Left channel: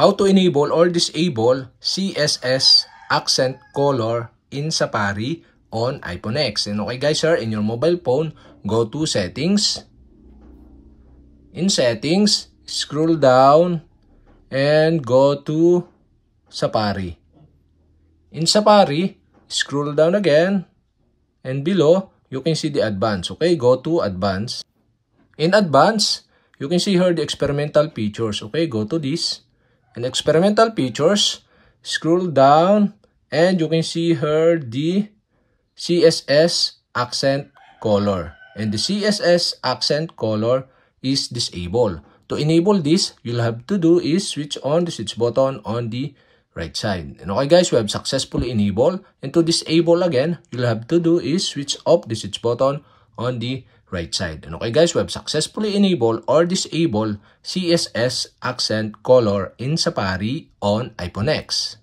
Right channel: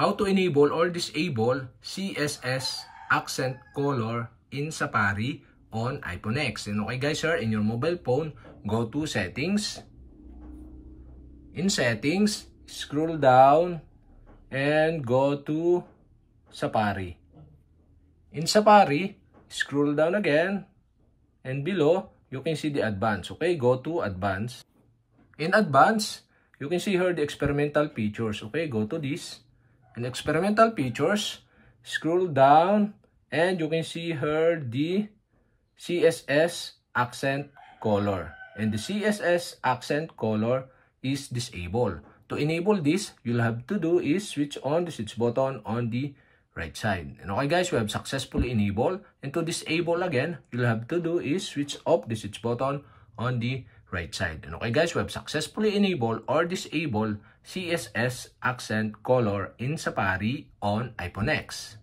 how to enable or disable CSS accent color in Safari on iPhone X. And okay guys, here in your mobile phone, go to settings. In settings, scroll down and go to Safari. In Safari, scroll down again and below you can see the advanced. Okay, go to advanced. In advanced, you can see here the experimental features. Okay, go to this. In experimental features, scroll down and you can see here the CSS accent color. And the CSS accent color is disabled. To enable this, you'll have to do is switch on the switch button on the right side. And okay guys, we have successfully enabled. And to disable again, you'll have to do is switch off the switch button on the right side. And okay guys, we have successfully enabled or disabled CSS accent color in Safari on iPhone X.